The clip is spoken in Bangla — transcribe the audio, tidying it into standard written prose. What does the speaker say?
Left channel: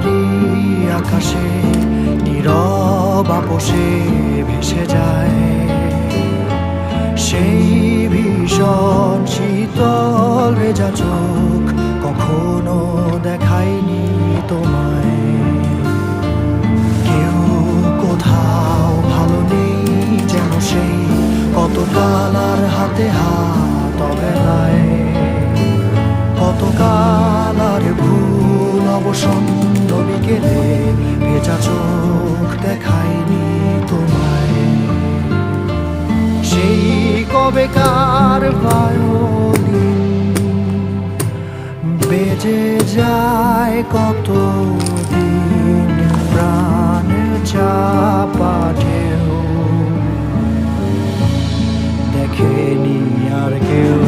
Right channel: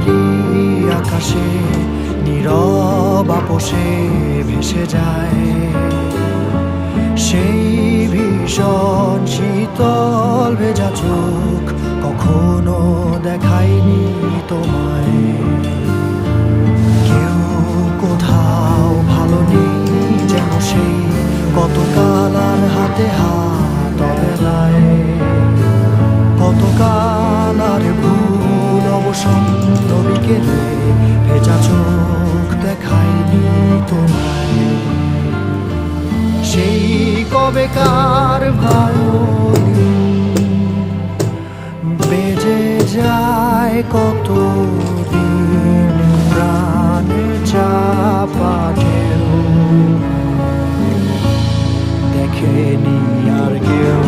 ভারী আকাশে নীরব আপোষে ভেসে যায় সেই ভীষণ শীতল ভেজা চোখ কখনো দেখায়নি তোমায়। কেউ কোথাও ভালো নেই যেন সেই কতকাল আর হাতে হাত অবেলায়, কতকাল আর ভুল অবসন্ন বিকেলে ভেজা চোখ দেখায়নি তোমায়। সেই কবেকার ভায়োলিন বেজে যায় কতদিন প্রাণ চাপা ঢেউ দেখেনি আর কেউ।